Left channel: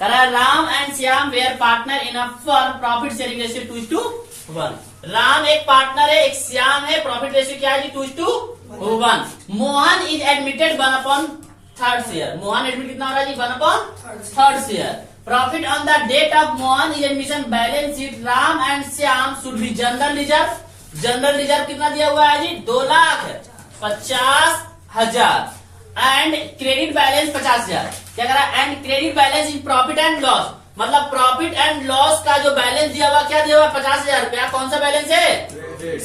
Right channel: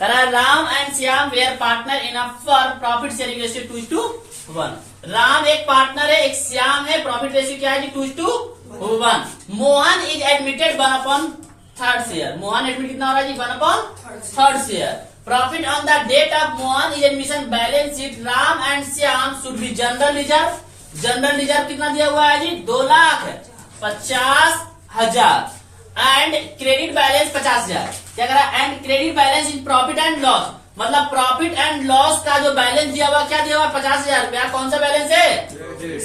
कह रहा है Ram and Shyam were partner in a for profit sharing ratio 2:1। Ram एक पार्टनर है, एक श्याम है, प्रॉफिट रेशियो क्या है जी 2:1। Mohan is admitted 1/3 share. Mohan admit कितना हो रहा है जी 1/3 share. Profit on the date of Mohan is admission balance sheet Ram and Shyam should be general reserve. General reserve कितना दिया हुआ है जी 2,50,000 एंड क्रेडिट बैलेंस 50,000। क्या कह रहा है and credit balance in profit and loss, मतलब प्रॉफिट एंड लॉस का जो बैलेंस दिया हुआ क्या दिया हुआ 50,000 रुपया। कौन सा बैलेंस है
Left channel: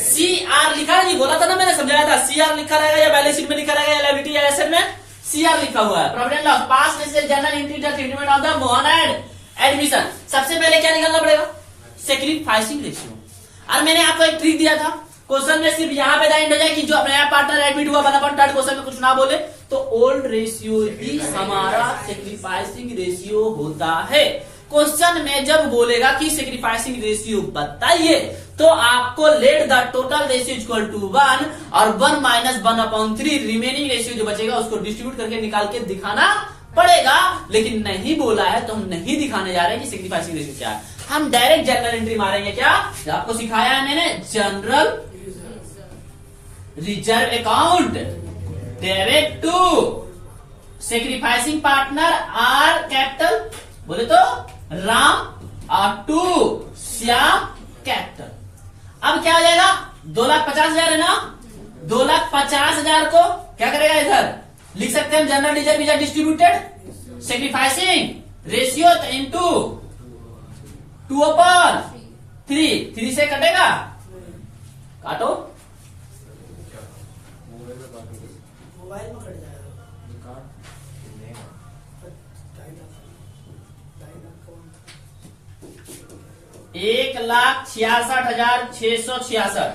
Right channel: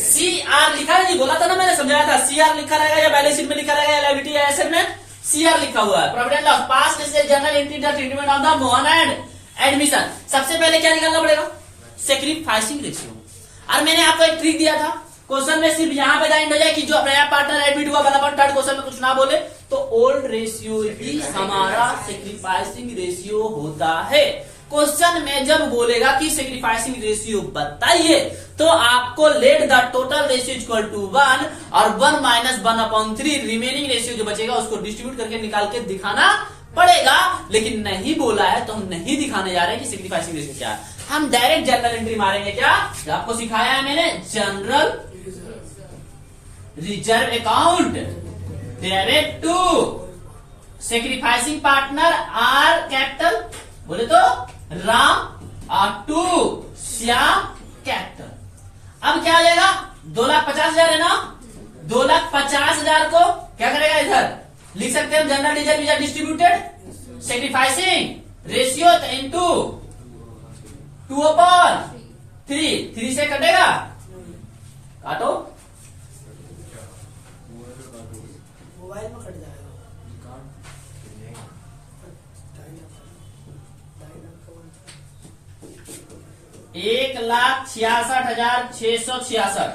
CR लिखा है जी, बोला था ना मैंने, समझाया था। CR लिखा रहेगा या बैलेंस शीट में लिखा रहेगा या लायबिलिटी या एसेट में CR लिखा हुआ है। प्रॉफिट एंड लॉस पास में general treatment of the Mohan and admission. सबसे पहले क्या निकालना पड़ेगा सेक्रीफाइसिंग रेशियो। और मैंने आपको एक ट्रिक दिया था, क्वेश्चन में सिर्फ यहाँ पे जाइंड हो जाए कि जो नया पार्टनर एडमिट हुआ 1/3, क्वेश्चन में कुछ ना बोले तो ओल्ड रेशियो ही हमारा सेक्रीफाइसिंग रेशियो होता है। क्वेश्चन में जब बोलेगा कि सेक्रीफाइसिंग रेशियो बताइए तो आपको let the total ratio equal to 1 और 1 माइनस 1/3 रिमेनिंग रेशियो जो बचेगा उसको डिस्ट्रीब्यूट करके निकाल के दिखाना पड़ेगा। लेकिन नहीं बोला है तो हम नहीं दिखाने जा रहे हैं कि सेक्रीफाइसिंग रेशियो क्या है। हम डायरेक्ट जनरल एंट्री मारेंगे। क्या आपको सिखाया है मैंने, general reserve account debit to sacrificing partner are capital, बोले तो राम और टू श्याम कैपिटल। अब क्या हो जाएगा 2,50,000 है ना, 2,50,000 को क्या करेगा इधर लिख सकते हैं general reserve is distributed sacrificing ratio into 2/3। 3 से कटेगा, काटो, मोबाइल में कट जाएगा। 1,66,666।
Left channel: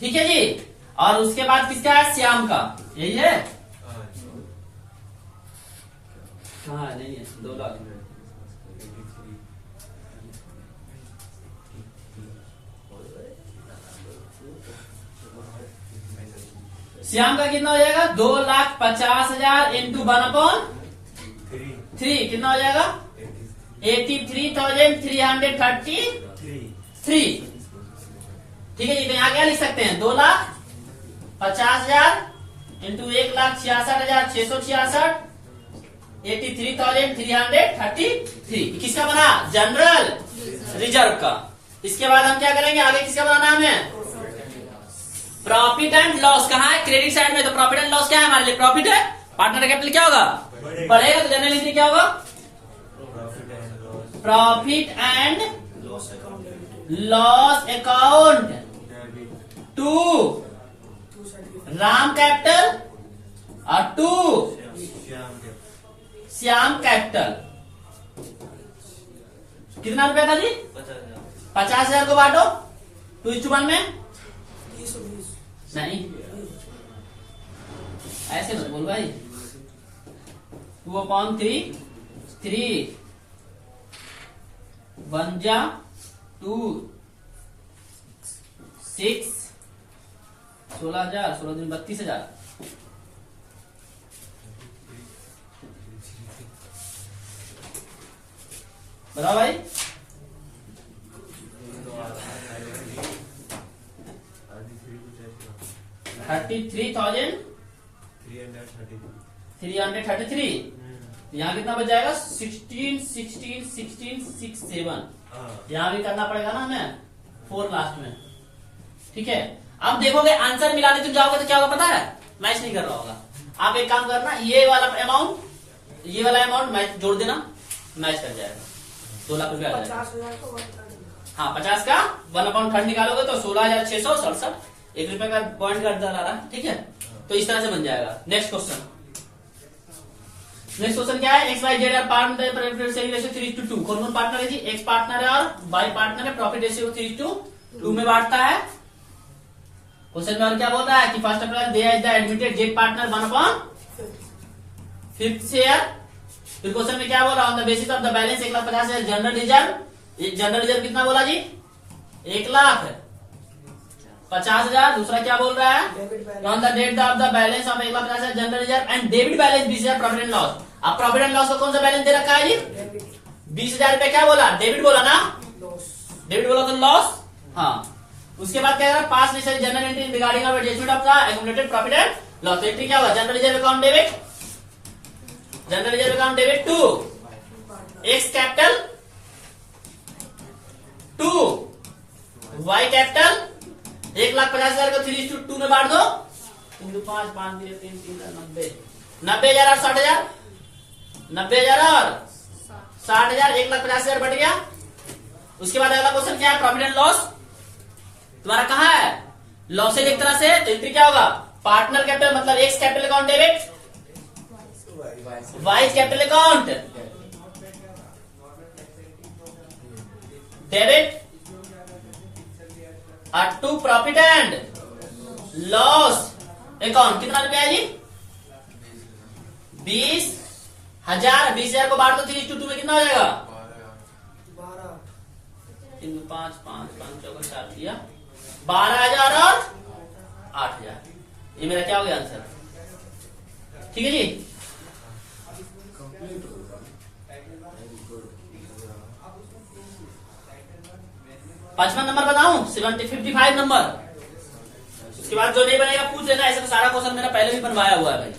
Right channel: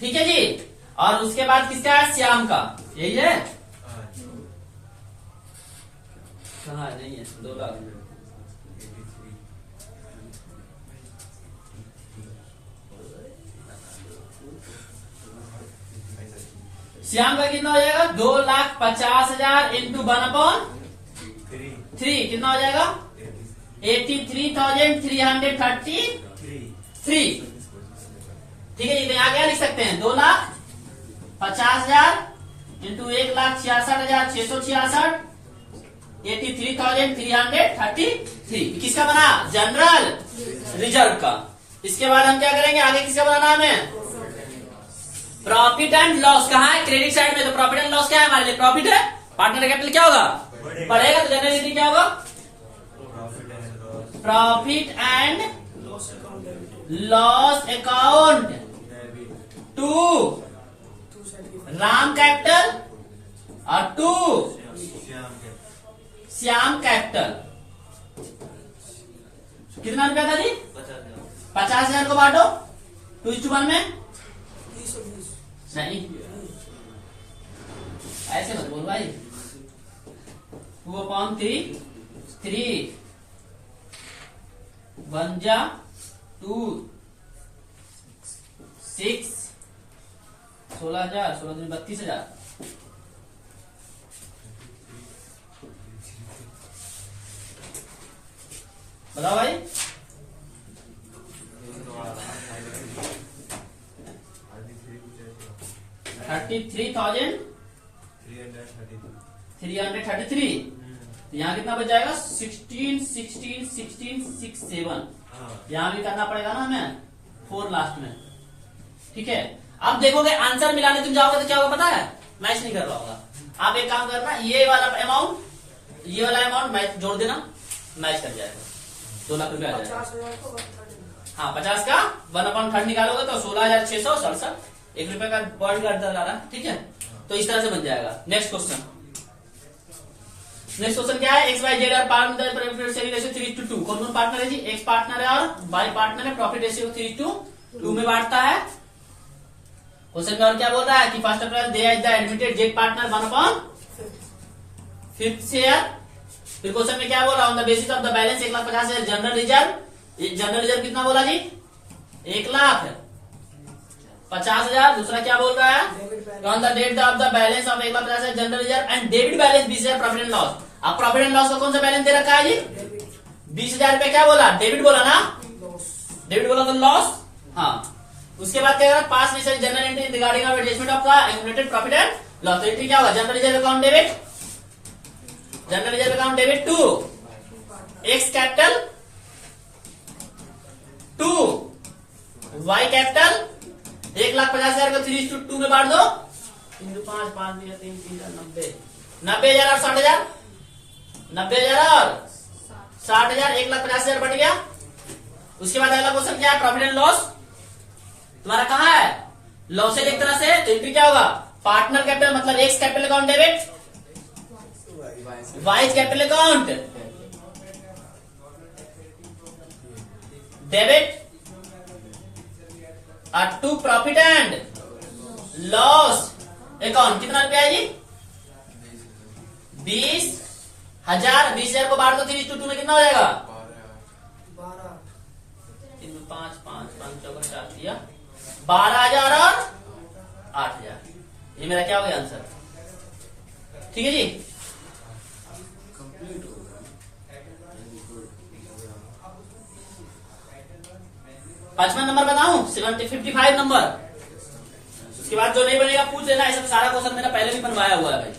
ठीक है जी। और उसके बाद किसका है श्याम का, यही है। हाँ नहीं है 2 लाख। श्याम का कितना हो जाएगा 2,50,000 इंटू 1/3 कितना हो जाएगा 83,333। ठीक है जी। तो यहाँ क्या लिख सकते हैं 2,50,000 इंटू 1,66,666 83,333। किसका बना जनरल रिजर्व का। इसके बाद हम क्या करेंगे आगे, किसका बनाना हमें प्रॉफिट एंड लॉस। कहाँ है क्रेडिट साइड में, तो प्रॉफिट एंड लॉस क्या है हमारे लिए प्रॉफिट है। पार्टनर कैपिटल क्या होगा बढ़ेगा, तो जनरल एंट्री क्या होगा profit and loss account to Ram capital और टू श्याम कैपिटल। कितना रुपया था जी 50,000 को बांटो 2:1 में। नहीं ऐसे मत बोल भाई। 2/3 1 जा 2 6 16,000 16 दिन 32,000। बताओ भाई 33,333। यहाँ कितना बच जाएगा 16 16 16 6 7। यहाँ भी करना पड़ेगा ना हमें 4 लास्ट में। ठीक है। अब देखोगे आंसर मिलाने तुम जाओगे तो क्या होगा पता है, मैच नहीं कर रहा होगा। आप एक काम करना, ये वाला अमाउंट मैच जोड़ देना, मैच कर जाएगा 2 लाख रुपया आ जाएगा। 50,000 को 1/3। हाँ 50 का 1/3 निकालोगे तो 16,667 ₹1 का पॉइंट कर रहा। ठीक है। तो इस तरह से बन जाएगा। नेक्स्ट क्वेश्चन क्या है XYZ आर पार्टनर 3:2। कौन पार्टनर है जी, X पार्टनर है और Y पार्टनर है। प्रॉफिट रेशियो 3:2 में बांटता है। क्वेश्चन में और क्या बोल रहा है कि first April they is the admitted Z partner 1/5 share. फिर क्वेश्चन में क्या बोला on the basis of the balance 1,50,000 general reserve. General reserve कितना बोला जी 1,50,000। दूसरा क्या बोल रहा है on the date of the balance of 1,50,000 general reserve and debit balance भी शेयर प्रॉफिट एंड लॉस। अब प्रॉफिट एंड लॉस का कौन सा बैलेंस दे रखा है जी? डेबिट 20,000 रुपया क्या बोला? डेबिट बोला ना? लॉस डेबिट बोला तो लॉस। हाँ, उसके बाद क्या करा? Pass necessary general entry regarding of adjustment of the accumulated profit and loss. Entry क्या हुआ? General reserve account debit, general reserve account debit to x capital to y capital 1,50,000 को 3:2 में बांट दो। 3×5 5 3 3 90,000 और 60,000, 90,000 और 60,000, 1,50,000 बढ़ गया। उसके बाद अगला क्वेश्चन क्या है? प्रॉफिट एंड लॉस तुम्हारा कहाँ है? लॉसेज एक तरह से, तो एंट्री क्या होगा? पार्टनर कैपिटल मतलब X capital account debit, Y capital account debit और to profit and loss account. कितना रुपया है जी? 20,000। 20,000 को बांट दो 3:2 में, कितना हो जाएगा? 12 3 5 5 5 4 4 दिया 12,000 और 8,000। ये मेरा क्या हो गया आंसर? ठीक है जी। पांचवा नंबर बताऊं? 55 नंबर। उसके बाद जो नहीं बनेगा पूछ लेना। ऐसा तो सारा क्वेश्चन मेरा पहले भी बनवाया हुआ है भाई,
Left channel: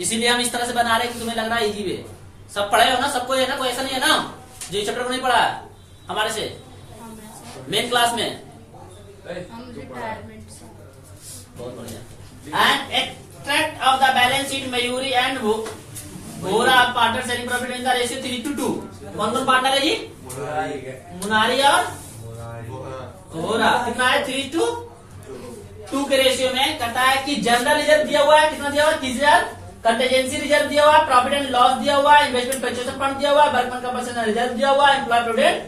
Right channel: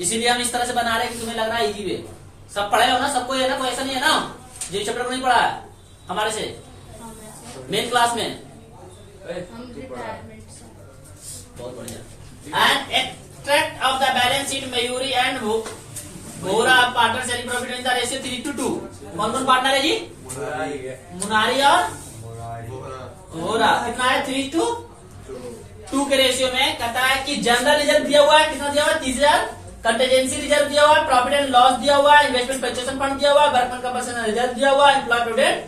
इसीलिए हम इस तरह से बना रहे हैं कि तुम्हें लग रहा है इजी वे। सब पढ़े हो ना? सबको है ना? कोई ऐसा नहीं है ना जो चैप्टर को नहीं पढ़ा है हमारे से मेन क्लास में? बहुत बढ़िया। And extract of the balance sheet Mayuri and Vora partner sharing profit in the ratio 3:2। कौन कौन पार्टनर है जी? मुनारी और वोरा। कितना है? 3:2 के रेशियो में। कहता है कि जनरल रिजर्व दिया हुआ है, कितना दिया हुआ है? 30,000। कंटीजेंसी रिजर्व दिया हुआ है, प्रॉफिट एंड लॉस दिया हुआ है, इन्वेस्टमेंट परचेसन फंड दिया हुआ है, वर्कमैन कंपनसेशन रिजर्व दिया हुआ है, एम्प्लॉय प्रोविडेंट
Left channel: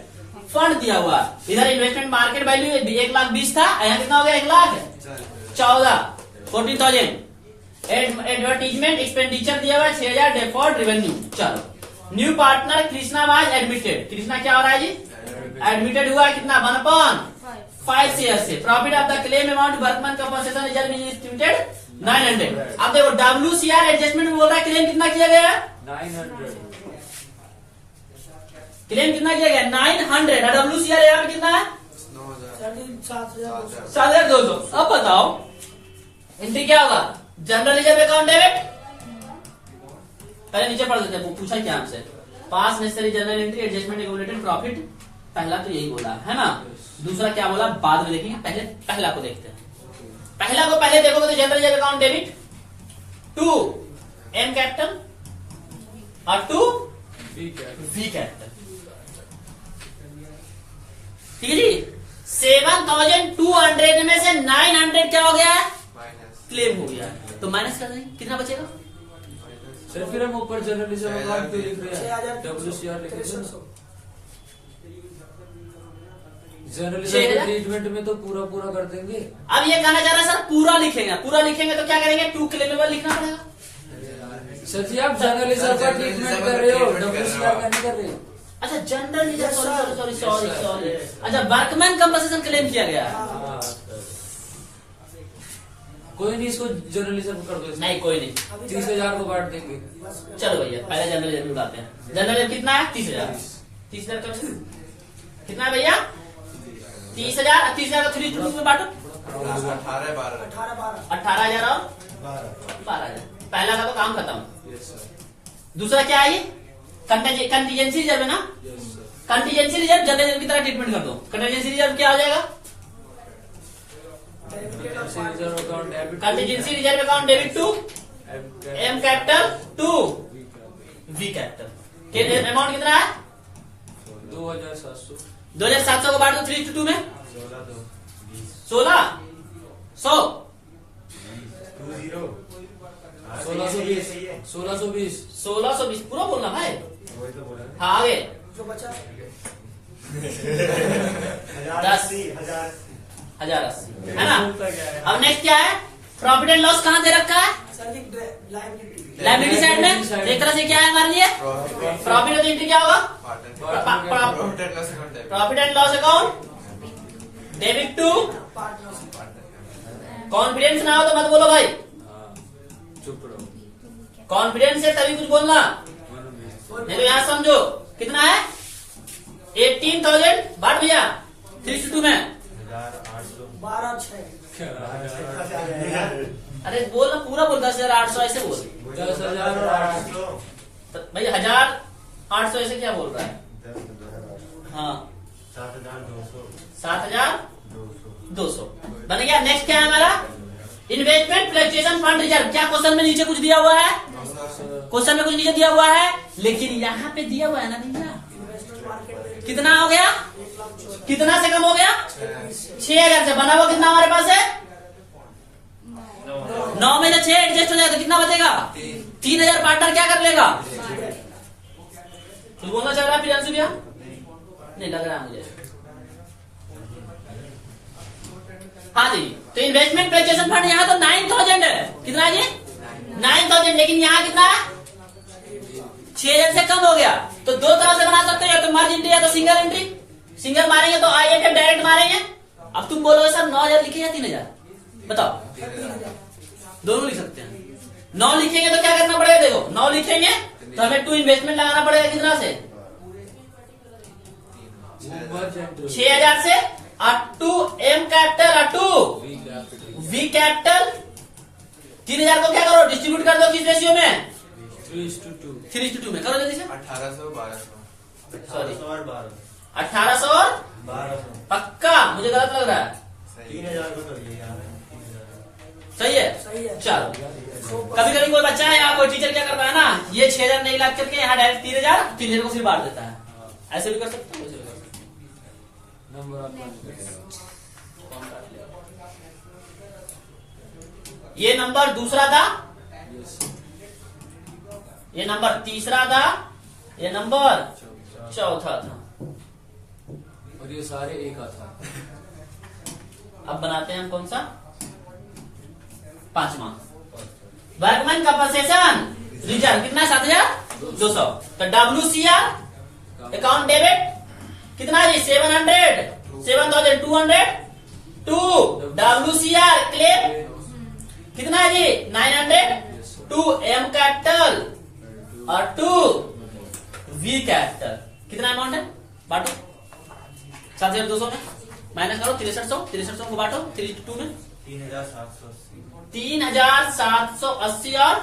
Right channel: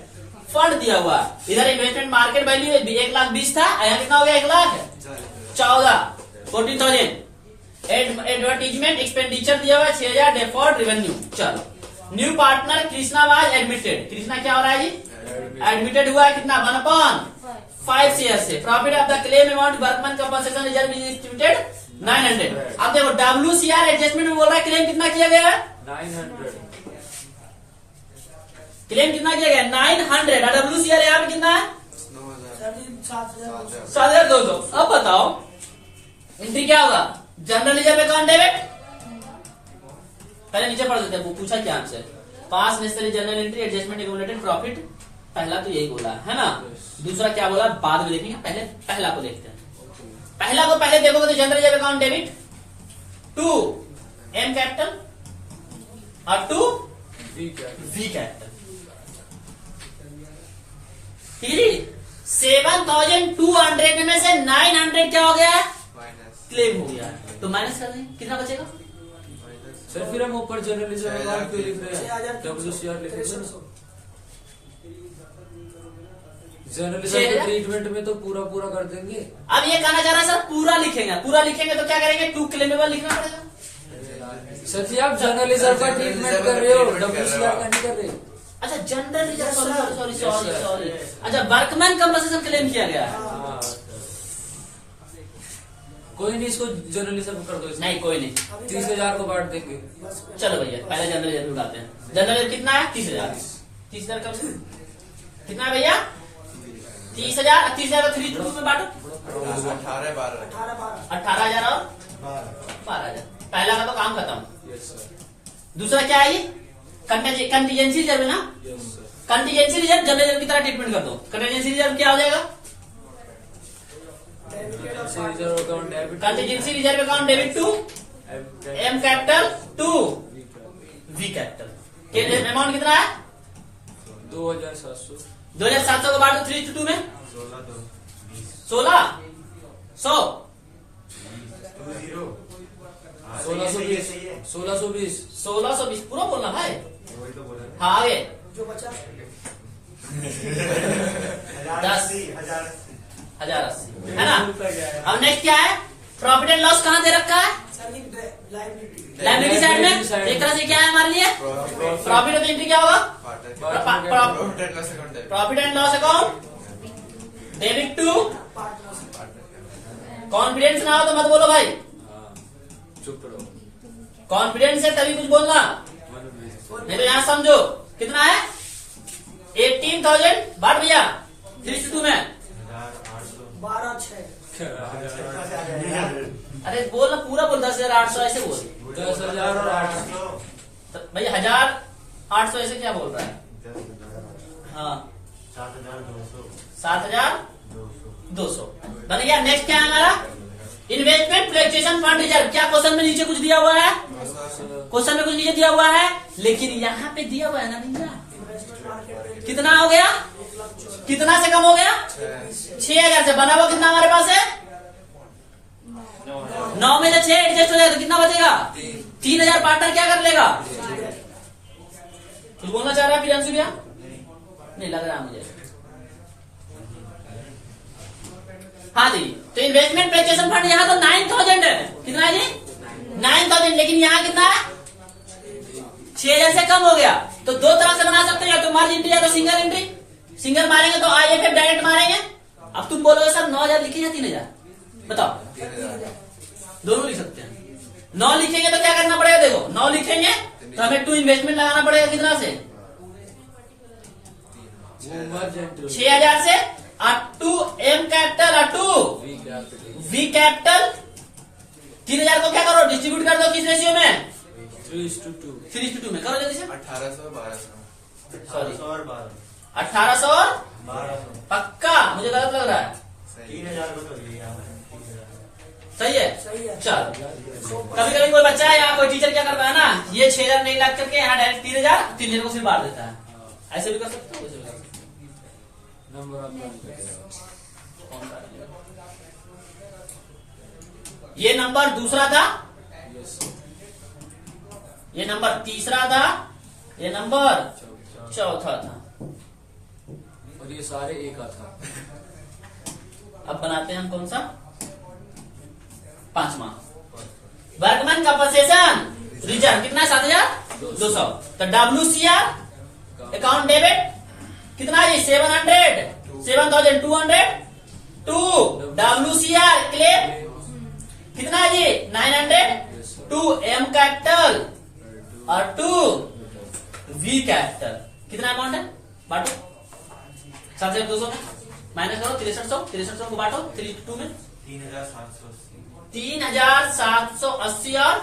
फंड दिया हुआ है। इधर इन्वेस्टमेंट मार्केट वैल्यू 1,20,000 था, यहाँ कितना हो गया? 1,14,000 40,000। एडवर्टीजमेंट एक्सपेंडिचर दिया हुआ है 6,000। Default revenue. चलो, new partner Krishna was admitted. Krishna क्या हो रहा है जी? एडमिटेड हुआ है। कितना? 1/5 शेयर से। Profit of the claim amount workman compensation reserve is estimated 900। अब देखो WCR एडजस्टमेंट में बोल रहा है क्लेम कितना किया गया है? 900। क्लेम कितना किया गया? 900। और WCR यहाँ पे कितना है? 7,000 7,200। अब बताओ एंट्री क्या होगा? General reserve account debit. पहले नीचे पढ़ देते हैं, वो पूछा क्या हमसे? पास necessary general entry adjustment accumulated profit. पहला तो यही बोला है ना? दूसरा क्या बोला बाद में देखेंगे, पहले पहला को देखते हैं। पहला को पहले देखोगे तो general reserve account debit to M capital और टू वी कैपिटल। ठीक है जी। 7,200 में से 900 क्या हो गया? क्लेम हो गया, तो माइनस कर देंगे, कितना बचेगा? सर फिर हम ऊपर जनरल रिजर्व अकाउंट पे लिख रहे हैं, 6,000 WCR लिख रहे हैं। 6,300 जनरल रिजर्व ट्रीटमेंट में तो पूरा पूरा कर देंगे। अब ये कहना चाह रहा है सर पूरा लिखेंगे, पूरा लिखेंगे तो क्या करेंगे? टू क्लेमेबल लिखना पड़ेगा। सर जी आप जनरल रिजर्व का ट्रीटमेंट कर रहे हो, WCR का नहीं कर रहे हो। अच्छा जनरल रिजर्व, सॉरी। अच्छा वर्कमैन कंपनसेशन क्लेम किया गया। कोई नहीं, इसको जनरल रिजर्व कर दो इसमें। नहीं कोई नहीं, 30,000 को बांट देंगे। चलो भैया पहले जनरल रिजर्व उड़ाते हैं। जनरल रिजर्व कितना है? 30,000। 30,000 कम से कितना है भैया? 30,000। 30,000 को 3 में बांटो। 18,000 और 12,000। पहला का तो काम खत्म। दूसरा क्या है ये? कंटीजेंसी रिजर्व है ना? कंटीजेंसी रिजर्व जनरल रिजर्व की तरह ट्रीटमेंट कर दो। कंटीजेंसी रिजर्व क्या हो जाएगा? Contingency reserve account debit to M capital to V capital. Amount कितना है? 2,700। 2,700 को बांटो 3:2 में। 16 100 1620 1620 1620 पूरा बोलना भाई। वही तो बोला हाँ आगे जो बचा 1,080 है ना? अब नेक्स्ट क्या है? प्रॉफिट एंड लॉस कहाँ दे रखा है? लाइबिलिटी लाइबिलिटी साइड में। एक तरह से क्या है हमारे लिए? प्रॉफिट तो एंट्री क्या होगा? Profit and loss account debit to. Confidence ना हो तो मत बोलो भाई, हाँ, चुप रहो। कॉन्फिडेंस से तभी कुछ बोलना। नहीं तो यहाँ समझो कितना है 18,000 बांट भैया 3:2 में 12 6 अरे बोल ना पूरा बोल 10,800 ऐसे बोल 10,800 तो भैया 1,800 ऐसे क्या बोल रहा है हाँ 7,200 बन गया। नेक्स्ट क्या है हमारा इन्वेस्टमेंट फ्लक्चुएशन फंड रिजर्व। क्या क्वेश्चन में नीचे कुछ दिया हुआ है क्वेश्चन में कुछ नीचे दिया हुआ है लेकिन यहाँ पे दिया हुआ है ना भैया इन्वेस्टमेंट मार्केट कितना हो गया कितना से कम हो गया 6,000 से बना हुआ कितना हमारे पास है 9 में से 6 एडजस्ट हो जाए तो कितना बचेगा 3,000 पार्टनर क्या कर लेगा कुछ बोलना चाह रहा है प्रियांशु भैया नहीं लग रहा है मुझे हाँ जी। तो इन्वेस्टमेंट फ्लक्चुएशन फंड यहाँ तो 9,000 है कितना जी 9,000 लेकिन यहाँ कितना है 6,000 से कम हो गया। तो दो तरह से बना सकते हो या तो मर्ज एंट्री या तो सिंगल एंट्री। सिंगल मारेंगे तो IFF डायरेक्ट मारेंगे। अब तुम बोलोगे सर 9,000 लिखिए या 3,000 बताओ दोनों लिख सकते हैं। 9 लिखेंगे तो क्या करना पड़ेगा देखो 9 लिखेंगे तो हमें 2 इन्वेस्टमेंट लगाना पड़ेगा कितना से 6,000 से R2 M capital R2 V capital 3,000 को क्या करो डिस्ट्रीब्यूट कर दो किस रेशियो में 3:2 में करो जल्दी से 1800 सॉरी 1,800 और पक्का मुझे गलत लग रहा है 3,000 को तो सही है सही है। चलो कभी कभी कोई बच्चा है या कोई टीचर क्या करता है ना ये 6,000 नहीं लाख करके यहाँ डायरेक्ट 3,000 को फिर बांट देता है ऐसे भी कर सकते हो वैसे भी कर सकते हो। नंबर आप कौन काट लेगा? ये नंबर दूसरा था ये नंबर तीसरा था ये नंबर चौथा था और ये सारे एक था। अब बनाते हैं हम कौन सा 5वां वर्कमैन कंपनसेशन रिजर्व कितना 7,200। तो WCR अकाउंट डेबिट कितना है 7,200 टू WCR क्लेम कितना है जी 900 टू M कैपिटल और टू V कैपिटल कितना अमाउंट है बांटो 7,200 में माइनस करो 6300 को बांटो 3:2 में 3,780 और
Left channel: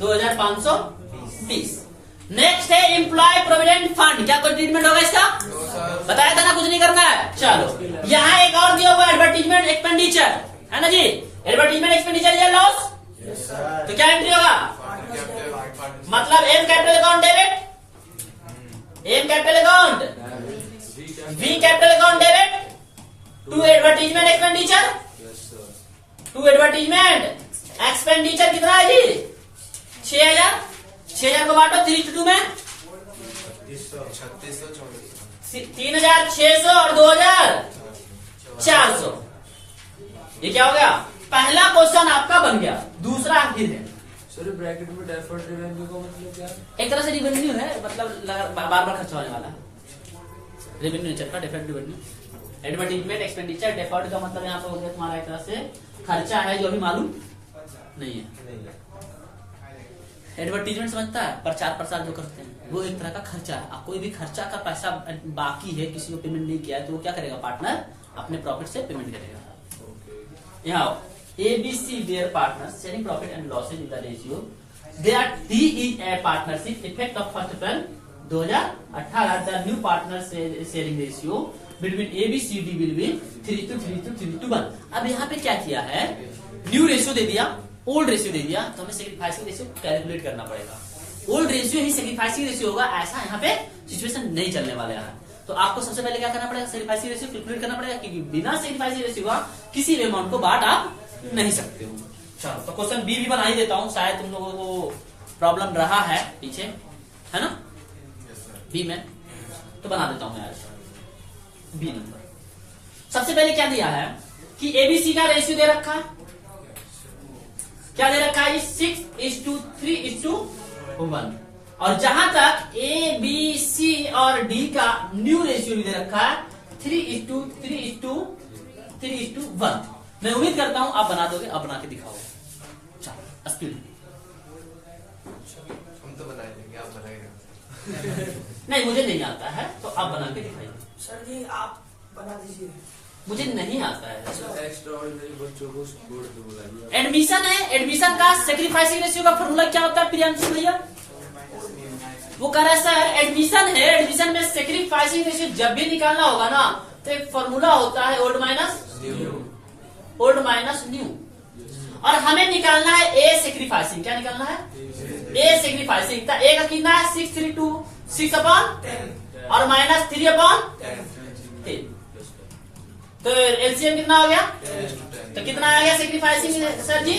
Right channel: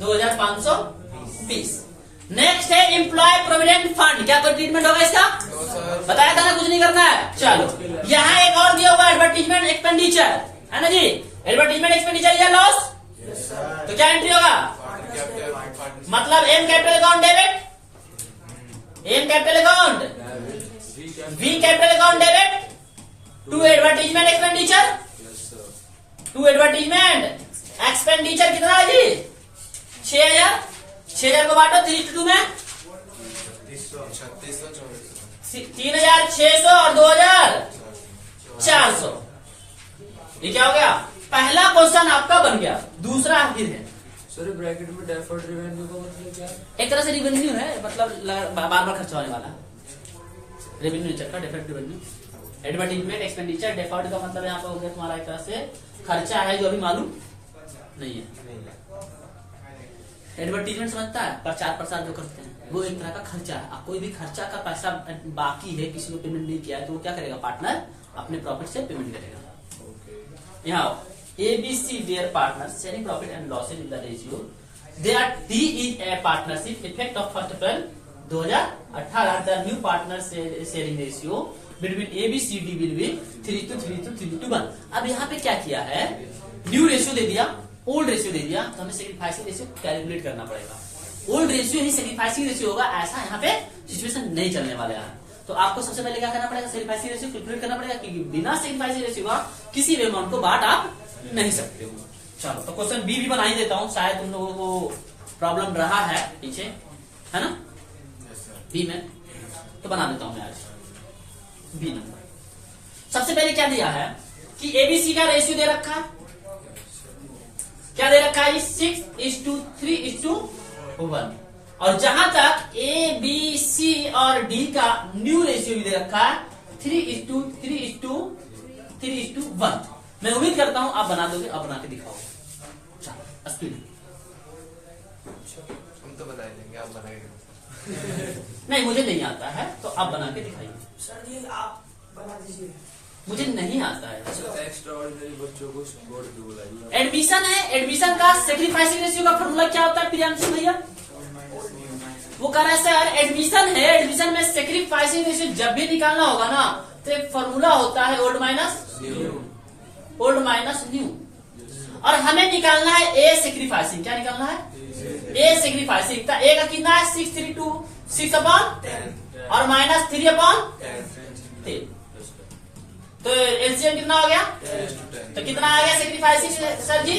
2,520। नेक्स्ट है एम्प्लॉय प्रोविडेंट फंड। क्या कोई ट्रीटमेंट होगा इसका बताया था ना कुछ नहीं करना है। चलो यहाँ एक और दिया हुआ एडवर्टीजमेंट एक्सपेंडिचर है ना जी एडवर्टीजमेंट एक्सपेंडिचर या लॉस तो क्या एंट्री होगा मतलब M capital account debit M capital account V capital account debit to advertisement expenditure to advertisement expenditure कितना है जी 6,000 को बांटो 3:2 में 3,600 और 2,400। ये क्या हो गया पहला क्वेश्चन आपका बन गया। दूसरा फिर है सर ब्रैकेट में डेफर्ड रेवेन्यू का मतलब क्या है? एक तरह से रिवेन्यू है मतलब बार बार खर्च होने वाला रेवेन्यू नेचर का deferred revenue. Advertisement expenditure deferred का मतलब यहाँ पे हो गया तुम्हारा एक तरह से खर्चा है जो अभी मालूम नहीं है। एडवर्टीजमेंट समझता है प्रचार प्रसार जो करते हैं वो एक तरह का खर्चा है। कोई भी खर्चा का पैसा बाकी है किसी को पेमेंट नहीं किया है तो वो क्या करेगा पार्टनर अपने प्रॉफिट से पेमेंट करेगा। यहाँ ABC their partners sharing profit and losses in the ratio they are D is a partnership effect of 1st April 2018 the new partner sharing ratio between ABCD will be 3:3:1। अब यहाँ पे क्या किया है new ratio दे दिया old ratio दे दिया तो हमें सेक्रीफाइसिंग रेशियो कैलकुलेट करना पड़ेगा। ओल्ड रेशियो ही सेक्रीफाइसिंग रेशियो होगा ऐसा यहाँ पे सिचुएशन नहीं चलने वाला है। तो आपको सबसे पहले क्या करना पड़ेगा सेक्रीफाइसिंग रेशियो कैलकुलेट करना पड़ेगा क्योंकि बिना सेक्रीफाइसिंग रेशियो का किसी भी अमाउंट को बांट आप नहीं सकते हो। चलो तो क्वेश्चन बी भी बना ही देता हूँ शायद तुम लोगों को प्रॉब्लम रहा है पीछे है ना बी में तो बना देता हूँ मैं आज बी नंबर। सबसे पहले क्या दिया है कि ABC का रेशियो दे रखा है क्या दे रखा है 6:3:1 और जहां तक ABC और D का न्यू रेशियो भी दे रखा है 3:3:1। मैं उम्मीद करता हूं आप बना दोगे अब बना के दिखाओ। चलो स्पीड हम तो बना ही लेंगे, आप बना के दिखाओ। नहीं मुझे नहीं आता है, तो आप बना के दिखाइए। सर जी आप बना दीजिए। मुझे नहीं आता है। एक्स्ट्रा ऑर्डिनरी बच्चों को बोर्ड पे बुलाइए। एडमिशन है, एडमिशन का सेक्रीफाइसिंग रेशियो का फॉर्मूला क्या होता है प्रियांशु भैया? वो कह रहा है सर एडमिशन है, एडमिशन में सेक्रीफाइसिंग रेशियो जब भी निकालना होगा ना तो एक फॉर्मूला होता है ओल्ड माइनस न्यू, और हमें निकालना है ए सेक्रीफाइसिंग। क्या निकालना है? ए सेक्रीफाइसिंग। तो ए का कितना है? 6 अपॉन और माइनस 3/10। तो एलसीएम कितना हो गया? तो कितना आ गया सेक्रीफाइसिंग सर जी?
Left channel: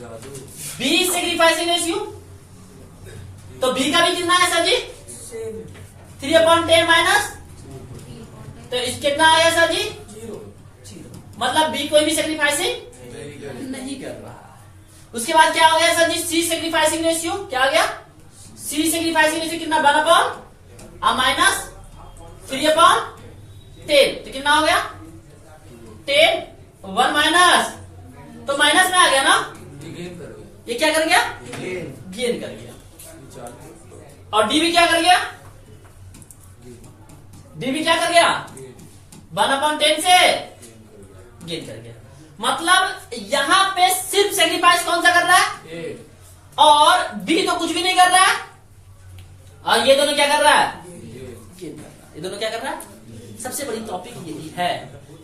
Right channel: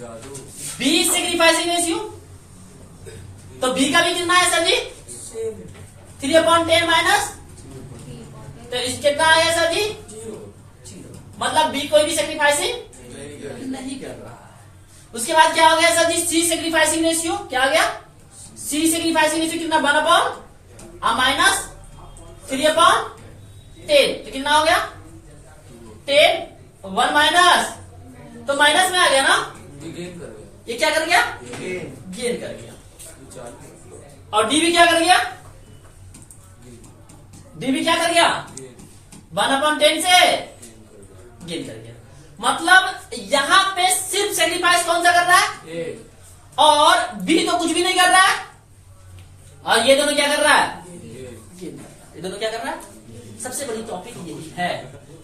जादू बी सेक्रीफाइसिंग रेशियो। तो बी का भी कितना है सर जी? सेम 3/10 माइनस, तो इस कितना आ गया सर जी? 0। मतलब बी कोई भी सेक्रीफाइसिंग नहीं कर रहा है। उसके बाद क्या हो गया सर जी? सी सेक्रीफाइसिंग रेशियो क्या आ गया? सी सेक्रीफाइसिंग रेशियो कितना? 1/, माइनस 3/10। तो कितना हो गया? 10, 1 माइनस, तो माइनस में आ गया ना? गेन कर गए। ये क्या कर गया? गेन कर गया। चालू और डी भी क्या कर गया? डी भी क्या कर गया? 1/10 से गेन कर गया। मतलब यहाँ पे सिर्फ सेक्रीफाइस कौन सा कर रहा है? ए और बी तो कुछ भी नहीं कर रहा है, और ये दोनों क्या कर रहा है? ये ये दोनों क्या कर रहा है? सबसे बड़ी टॉपिक यही है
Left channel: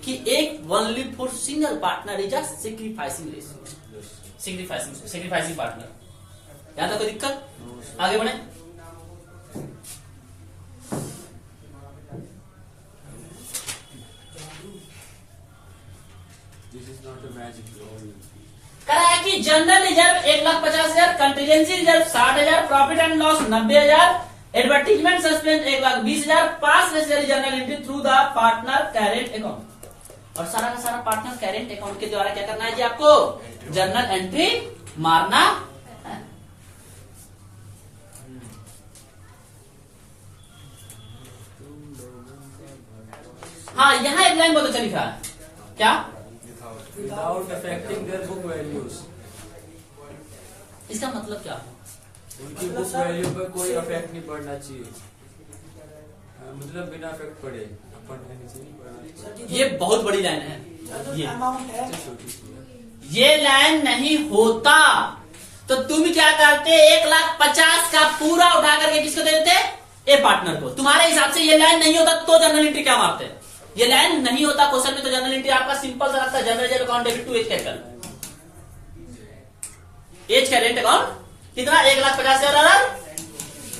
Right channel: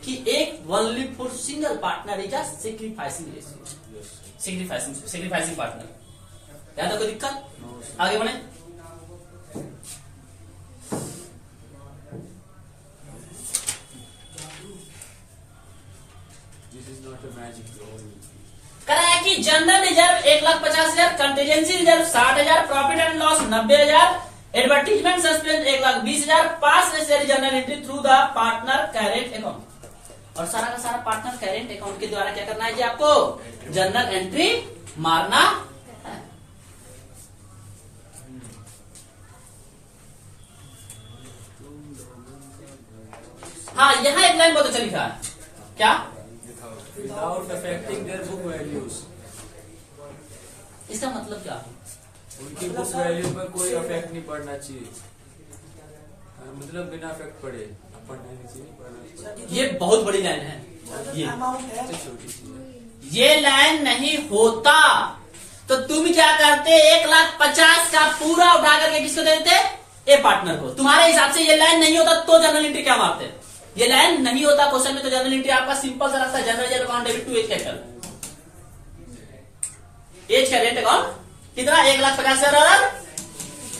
कि एक only for single partner is a sacrificing ratio, sacrificing partner. यहां तक कोई दिक्कत? आगे बढ़े। This is not a magic करा है कि general reserve 1,50,000, contingency reserve 60,000, profit and loss 90,000, advertisement suspense 1,20,000, pass necessary general entry through the partner current account. और सारा का सारा पार्टनर करेंट अकाउंट के द्वारा क्या करना है जी? आपको जनरल एंट्री मारना है। हाँ यहाँ एक लाइन बहुत अच्छा लिखा है। क्या? Without affecting their book values. इसका मतलब क्या है? उनकी बुक वैल्यू पर कोई इफेक्ट नहीं पड़ना चाहिए। मतलब बिना इफेक्ट पड़े पढ़ना नहीं चाहिए, पढ़ना चाहिए। ये बहुत बड़ी लाइन है। ये अमाउंट है छोटी सी है। ये लाइन नहीं होता तो तुम क्या करते? 1,50,000 का पूरा उठा करके किसको दे देते? ए पार्टनर को। तुम्हारे हिसाब से ये लाइन नहीं होता तो जनरल एंट्री क्या मारते? ये लाइन नहीं होता क्वेश्चन में तो जनरल एंट्री आपका सिंपल सा लगता है, general reserve account debit to H capital, H current account कितना? 1,50,000 और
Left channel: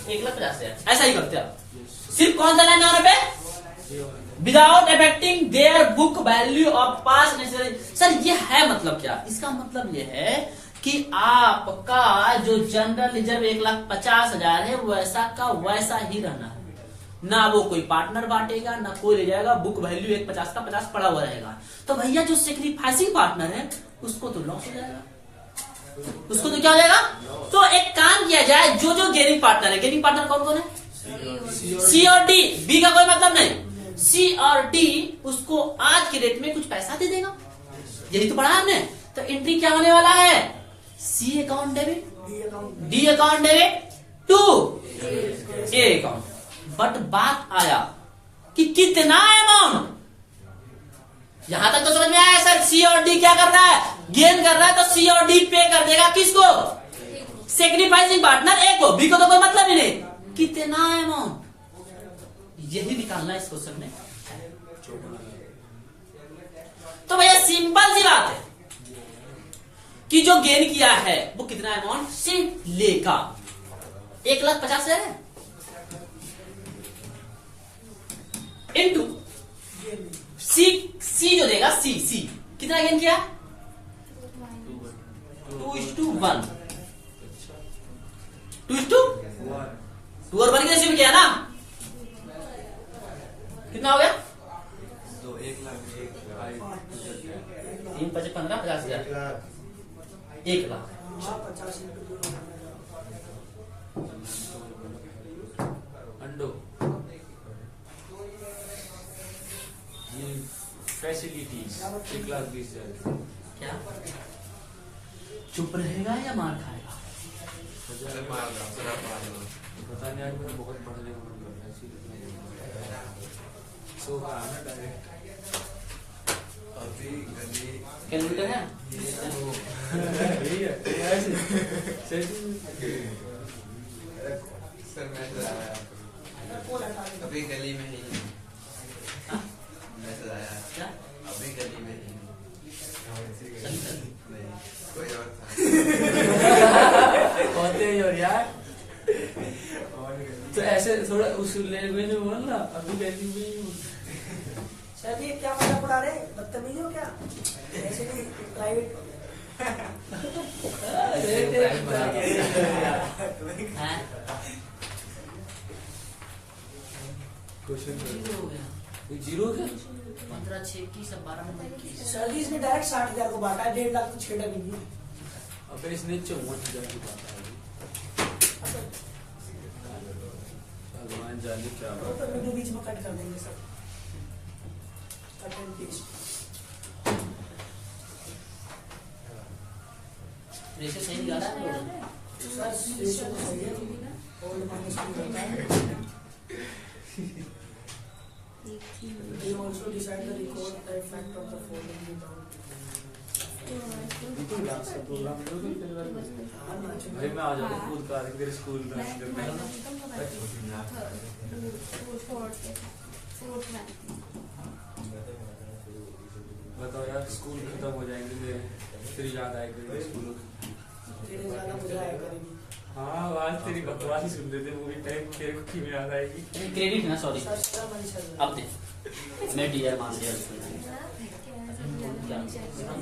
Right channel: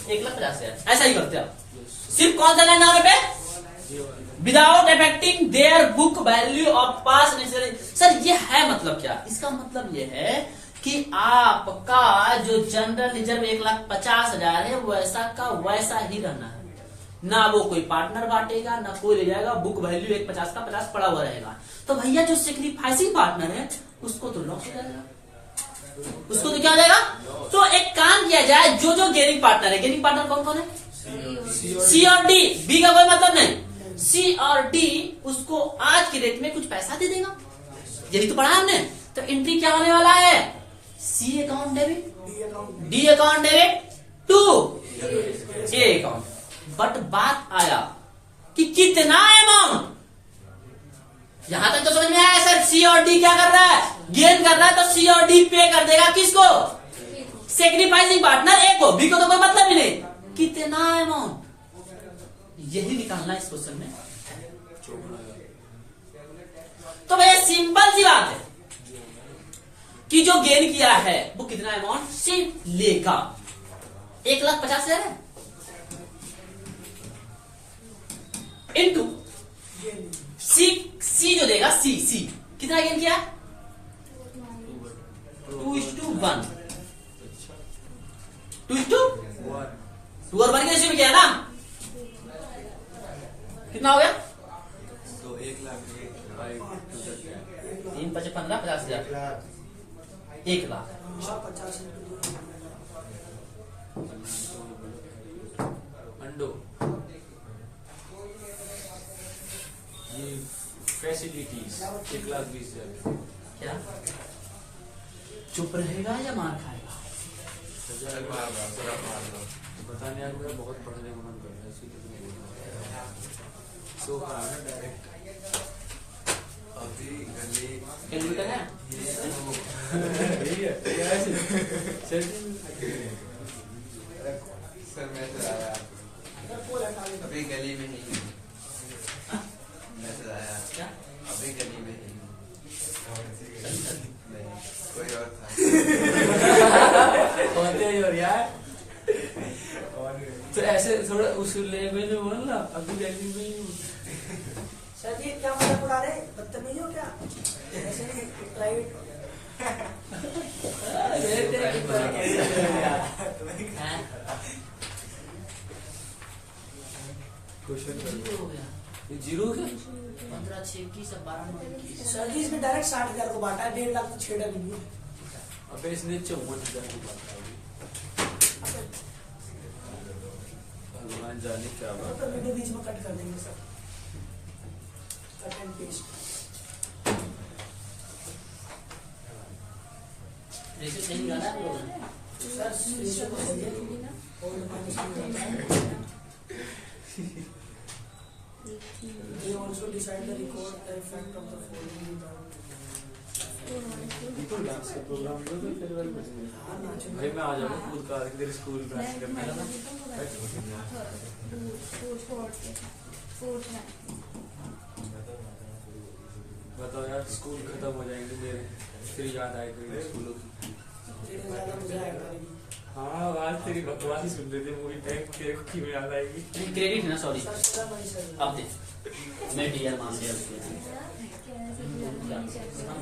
1,50,000 ऐसा ही करते आप। सिर्फ कौन सा लाइन आने पे? Without affecting their book value of pass necessary. Sir ये है मतलब क्या? इसका मतलब ये है कि आपका जो जनरल रिजर्व 1,50,000 है वैसा का वैसा ही रहना है, ना वो कोई पार्टनर बांटेगा ना कोई ले जाएगा। बुक वैल्यू 1,50 का 50 पड़ा हुआ रहेगा। तो भैया जो सेक्रीफाइसिंग पार्टनर है उसको तो लॉस हो जाएगा, उसको तो क्या हो जाएगा? तो एक काम किया जाए, जो जो गेनिंग पार्टनर है, गेनिंग पार्टनर कौन कौन है? सी और डी। बी का कोई मतलब नहीं। सी और डी उसको आज के रेट में कुछ पैसा दे देगा, यही तो पढ़ा हमने। तो एंट्री क्या होने वाला है? C account debit, D account debit to A account. But बात आया कि कितना अमाउंट, यहां तक तो समझ में आया सर। सी और डी क्या कर रहा है? गेन कर रहा है, तो सी और डी पे कर देगा किसको? सेक्रीफाइसिंग पार्टनर ए को। बी को तो कोई मतलब ही नहीं। कितना अमाउंट, यही निकालना है इस क्वेश्चन में। तो भैया सिंपल सी बात है कि जो गेन किया है वो कितना अमाउंट से लेगा? 1,50,000 है इनटू सी जो देगा, सी कितना गेन किया? 2:1, 2:1 2 और 1 के रेशियो में किया ना? कितना हो गया? 3 × 5 = 15, 50,000, 1,00,000। 50 अंडो फैसिलिटीज 1,20,000। क्या? चुप रहेगा या मार खाएगा? सर मार दो, सर आप मार दो। पता नहीं, आज मेरा बहुत पढ़ने का मन कर रहा है, इसीलिए मैं बोल रहा हूँ। सो आना डायरेक्ट अभी गली क्या नहीं करना है? ये वो सर मैसेज आया अभी गली में ही हूँ। मैसेज आया क्या? अभी गली में ही हूँ। नहीं कोई और था। होते ही और यार, तो ऐसे थोड़ा उस लैंग्वेज में बोल ना, अभी गली में ही हूँ। सर जी क्या मजाक उड़ा रहे? बदतमीज हो क्या? ऐसे नहीं प्राइवेट हैं? क्वेश्चन जीरो हो गया। जीरो है। 15 6 21 12 9 21। सर जी इसमें डायरेक्ट 60,000 को बांटा है, 1.5 लाख तो छेड़ा नहीं है। अबे इसने 54,000 की बात है। भगवान जाने क्या वो तो वीडियो बीच में कट कर देंगे sir. Cut and paste. Ratio सही निकाला है? सर रेशियो तो सही है और माइनस में होता है। They also decide the record the effect of the following without program भाई मैं आ जाऊंगा खुद का तेरे स्कूल डांस करने। बताओ यार, स्कूल खत्म हो जाएंगे मेरे, फिर याद आएगी स्कूलों की। ज्यादा मजा आएगा। हाँ, आज तेरी बकवास ही सुन रहे थे, मूवी टाइम तेरे को क्यों याद आएगी? क्रेडिट है ना, sorry. Sir sir money sir अब दे, मैं डियर मान लिया उसमें। ये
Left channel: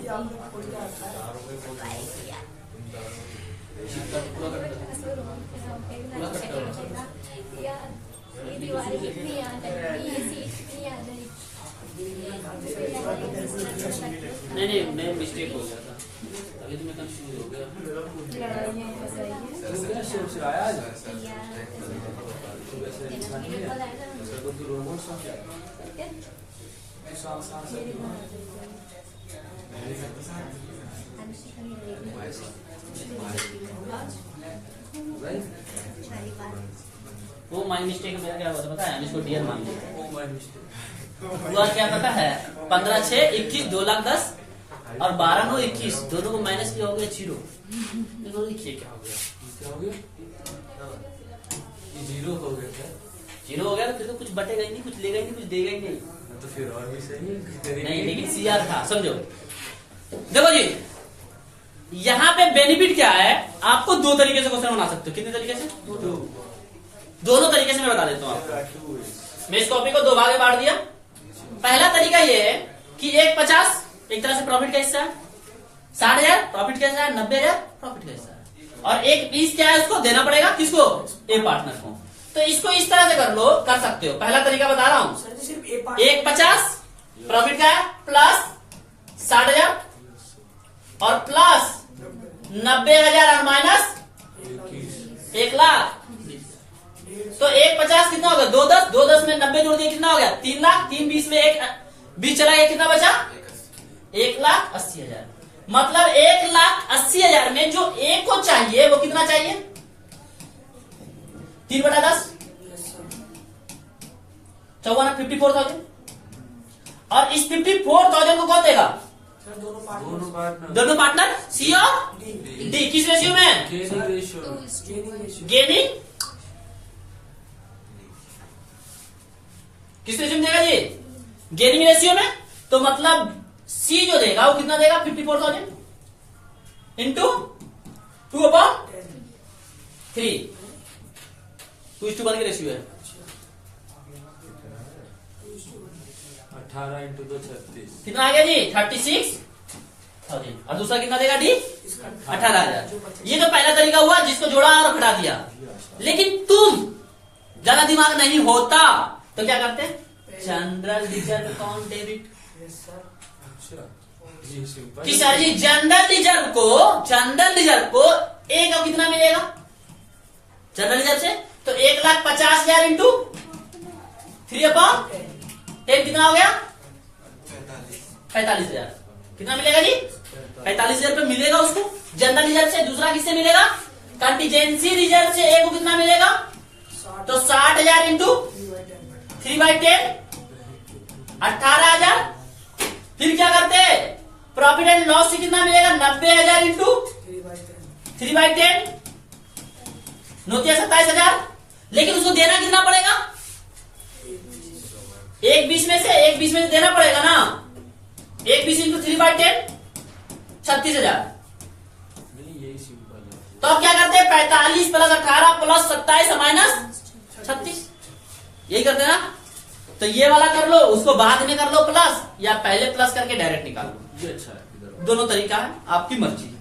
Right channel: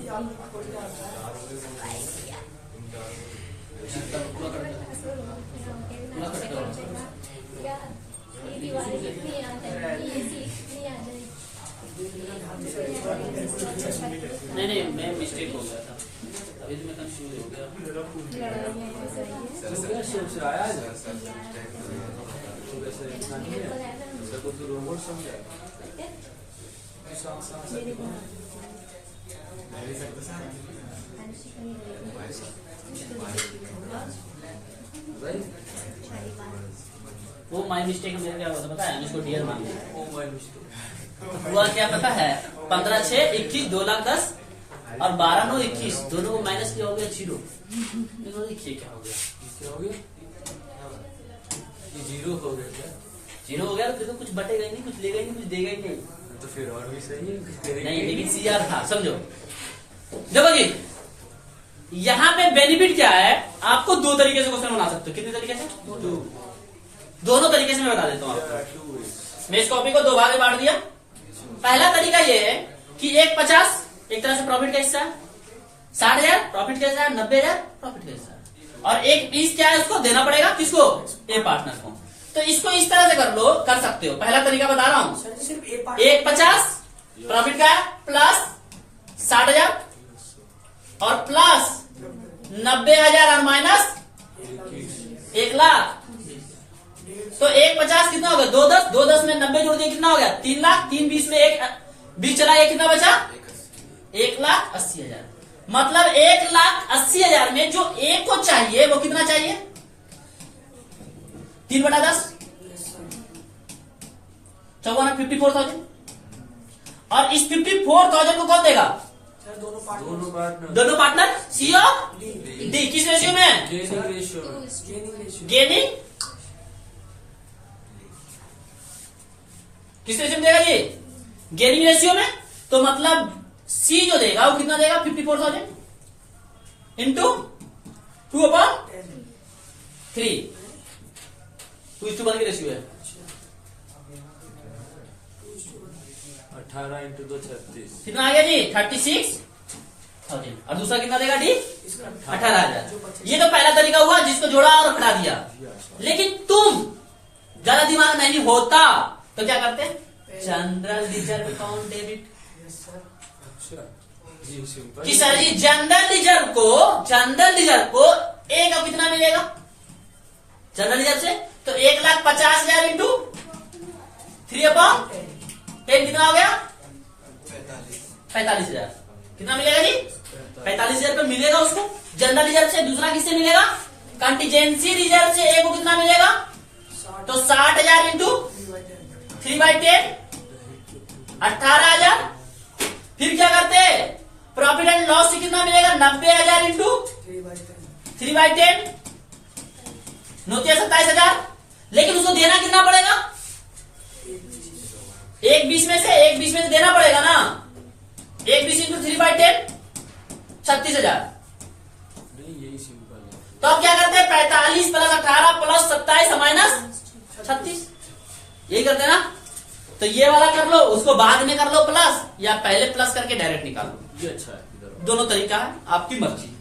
आपको कोई आता है पूरा कर दो। पूरा कर दो। नहीं नहीं, मैं मिस्टेक हो गया था, अभी तो मैं कंफ्यूज हो गया। से आया आज सर सर mistake हो गया। तो वैसे इंसान नहीं है, उसका को तू रोबोट समझा। भाई वो माय मिस्टेक मेरा क्या हुआ था पता है? हम इसको डियर मान लिया। Oh my mistake. हुआ क्या पता है? 15 6 21 2,10,000 और 12 9 21 दोनों को माइनस किया हो गया 0। तो देखिए क्या हो गया। क्या हो गया? ये जीरो हो गया क्या? 0 हो गया तो फिर तो कुछ बटेगा ही नहीं, कुछ लेगा ही नहीं, कुछ देगा ही नहीं। तो फिर और भी सही है। नहीं, लेकिन CR था, समझो। देखो जी, यहाँ पे बेनिफिट क्या है? आपको दो तरीके से क्वेश्चन बना सकते हो। कितने तरीके से? दोनों तरीके से मैं बता देता हूँ आपको। मैं इस कॉपी को 2 भाग में बांट दिया। पहला तरीका ये है कि 1,50 एक तरह से प्रॉफिट का हिस्सा है, 60,000 प्रॉफिट का हिस्सा है, 90,000 प्रॉफिट का हिस्सा है, और 1 क्या है उसको देना पड़ेगा, किसको? ए पार्टनर को। तो इसको इस तरह से कर लो, कर सकते हो। पहला तरीका बता रहा हूं। सर जी सिर्फ एक पार्ट 1,50 प्रॉफिट का है प्लस 60,000 और प्लस 90,000 और माइनस 1,00,000। तो 1,50 कितना हो गया? 2,10 2,10 में 90 जोड़ दिए कितना हो गया? 3,00,000। 3 20 में 1 20 चला गया, कितना बचा? 1,80,000। मतलब 1,80,000 में जो ए को चाहिए वो कितना चाहिए? 3/10 54 54,000। और इस 54,000 को कौन देगा? सर दोनों पार्ट दोनों पार्टनर सी और डी डी। किस रेशियो में? Gaining ratio. Gaining ratio gaining किस रेशियो में देगा जी? गेनिंग रेशियो में। तो मतलब सी जो देगा वो कितना देगा? 54,000 इंटू 2/3। 2:1 की रेशियो है। 18 इंटू 2 36। कितना आ गया जी? 36,000। और दूसरा कितना देगा डी? 18,000। ये तो पहला तरीका हुआ जिसको जोड़ा और हटा दिया। लेकिन तुम ज्यादा दिमाग नहीं होता तो क्या करते? General reserve account debit. Yes sir अच्छा जी, सिंपल। कि सर जी जनरल रिजर्व को ए का कितना मिलेगा जनरल रिजर्व से? तो 1,50,000 इंटू 3/10 कितना हो गया? 45,000। कितना मिलेगा जी? 45,000 रुपये मिलेगा उसको जनरल रिजर्व से। दूसरा किससे मिलेगा? कंटीजेंसी रिजर्व से। एक को कितना मिलेगा? तो 60,000 इंटू 3/10 18,000। फिर क्या करते हैं? प्रॉफिट एंड लॉस से कितना मिलेगा? 90,000 इंटू 3/10 नोटिया 27,000। लेकिन उसको देना कितना पड़ेगा? एक 20 में से देना पड़ेगा ना। 1/20 इंटू 3/10 36,000। नहीं यही सिंपल है। तो अब क्या करते हैं? 45 प्लस 18 प्लस 27 माइनस 36, यही करते हैं ना। तो ये वाला कर लो, उसको बाद में कर लो प्लस, या पहले प्लस करके डायरेक्ट निकाल लो। ये अच्छा है इधर। दोनों तरीका है, आपकी मर्जी।